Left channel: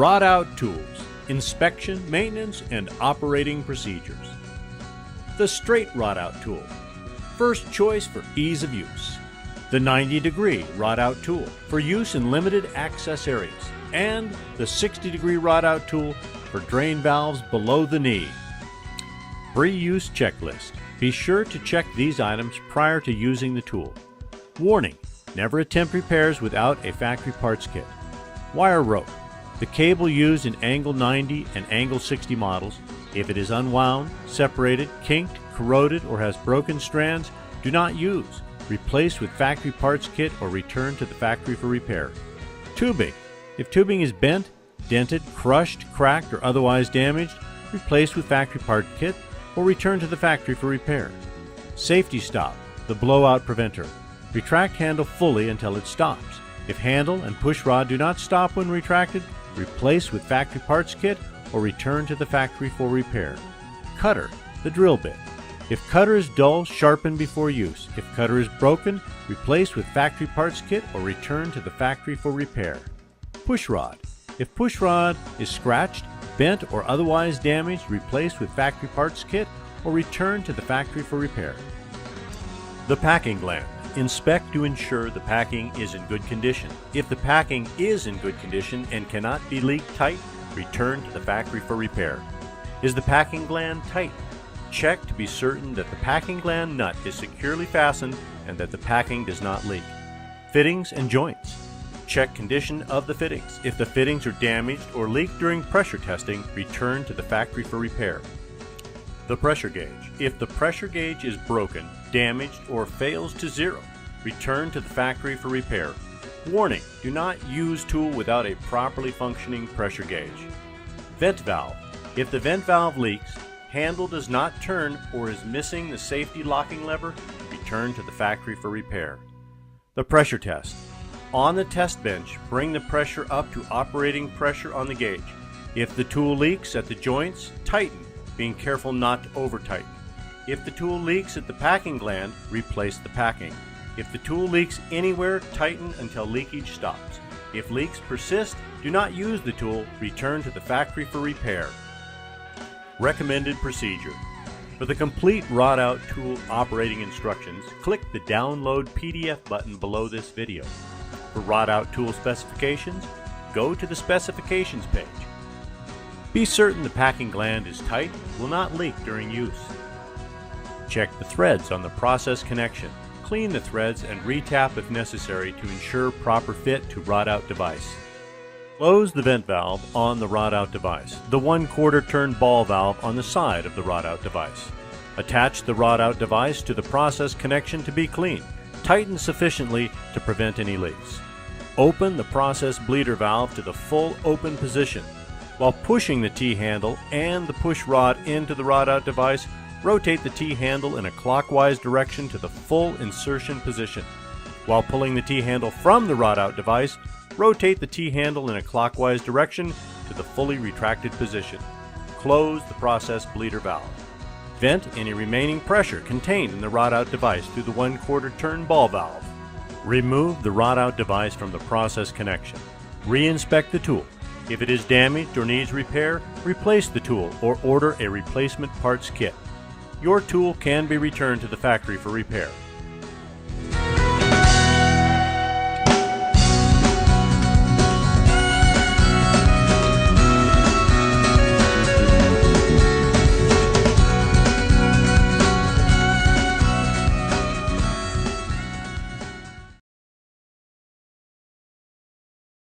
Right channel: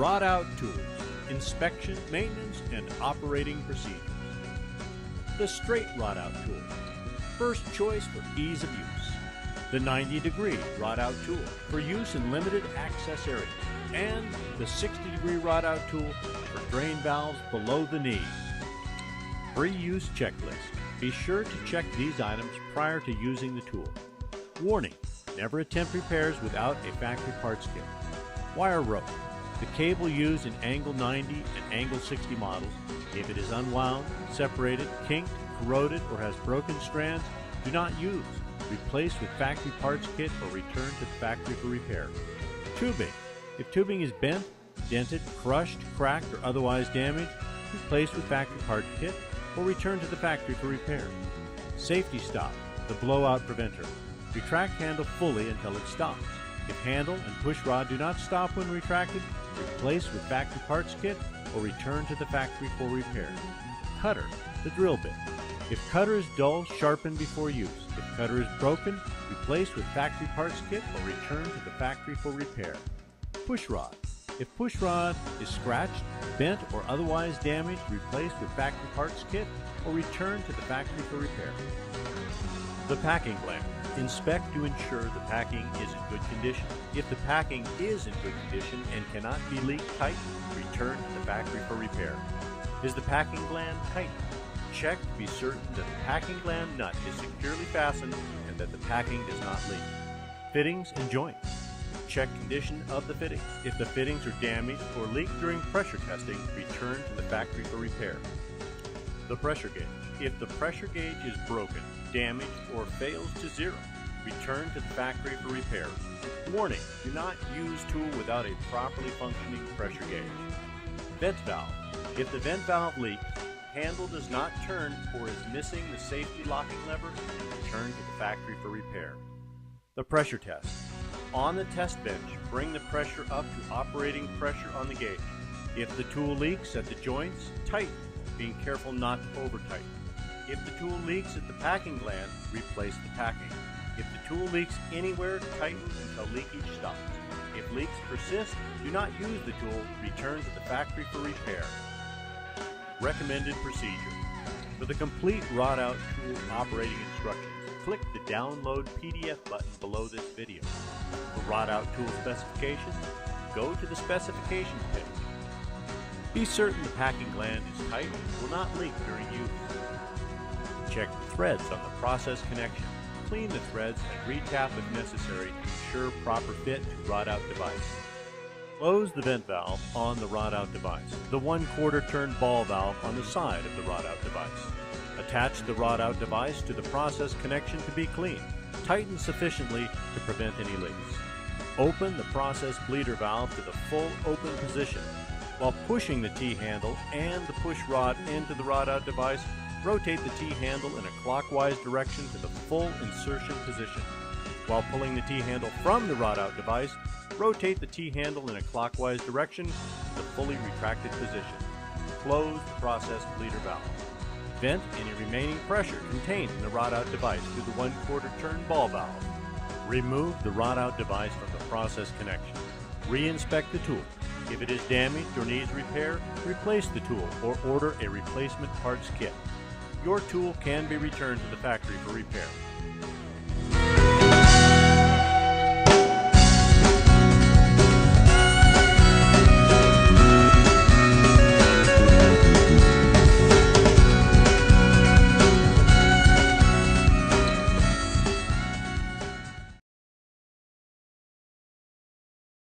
Rod Out Tools, inspection, maintenance, and operating procedures. The Straight Rod Out Tool, first choice for ease of use. The 90-degree Rod Out Tool, for use in limited access areas. And the 60-degree Rod Out Tool for drain valves below the knee. Pre-use checklist. Be sure to check these items prior to using the tool. Warning: never attempt repairs without a factory parts kit. Wire rope. The cable used in angle 90 and angle 60 models. If it is unwound, separated, kinked, corroded, or has broken strands, do not use. Replace with factory parts kit or return to the factory for repair. Tubing. If tubing is bent, dented, crushed, cracked, or otherwise damaged, replace with factory part kit or return to the factory for repair. Safety stop, the blowout preventer. Retract handle fully until it stops. If handle and push rod do not stop when retracted, replace with factory parts kit or return to the factory for repair. Cutter, the drill bit. If cutter is dull, sharpen before use. If cutter is broken, replace with factory parts kit or return to the factory for repair. Push rod. If push rod is scratched, bent, or otherwise damaged, replace with factory parts kit or return to the factory for repair. The packing gland. Inspect to ensure the packing is in good condition. If the packing is in good condition and cannot be leaked tight, return to the factory for repair. Is the packing gland tight? Check to be certain that the packing gland nut is securely fastened and that the packing does not leak. Fittings and joints. Check condition of the fittings. If the fittings are damaged or leaked during pressure testing, return to the factory for repair. The pressure gauge. If the pressure gauge is broken, damaged, or fails to zero, return to the factory for repair. Warning: do not use tool without a properly functioning pressure gauge. Vent valve. If the vent valve leaks, handle does not turn, or is missing the safety locking lever, return to the factory for repair. The pressure test. On the test bench, bring the pressure up to operating pressure on the gauge. If the tool leaks at the joints, tighten, being careful not to over-tighten. If the tool leaks at the packing gland, replace the packing. If the tool leaks anywhere, tighten until leakage stops. If leaks persist, do not use the tool, return to the factory for repair. Recommended procedure. For the complete Rod Out Tool operating instructions, click the Download PDF button below this video. For Rod Out Tool specifications, go to the Specifications page. Be certain the packing gland is tight and will not leak during use. Check the threads on the process connection. Clean the threads and retap if necessary to ensure proper fit to Rod Out device. Close the vent valve on the Rod Out device, the 1/4 turn ball valve on the side of the Rod Out device. Attach the Rod Out device to the process connection to be clean. Tighten sufficiently to prevent any leaks. Open the process bleeder valve to the full open position. While pushing the T-handle and the push rod into the Rod Out device, rotate the T-handle in a clockwise direction to the full insertion position. While pulling the T-handle from the Rod Out device, rotate the T-handle in a clockwise direction to the fully retracted position. Close the process bleeder valve. Vent any remaining pressure contained in the Rod Out device through the 1/4 turn ball valve. Remove the Rod Out device from the process connection. Re-inspect the tool. If it is damaged or needs repair, replace the tool or order a replacement parts kit. Your tool can be returned to the factory for repair.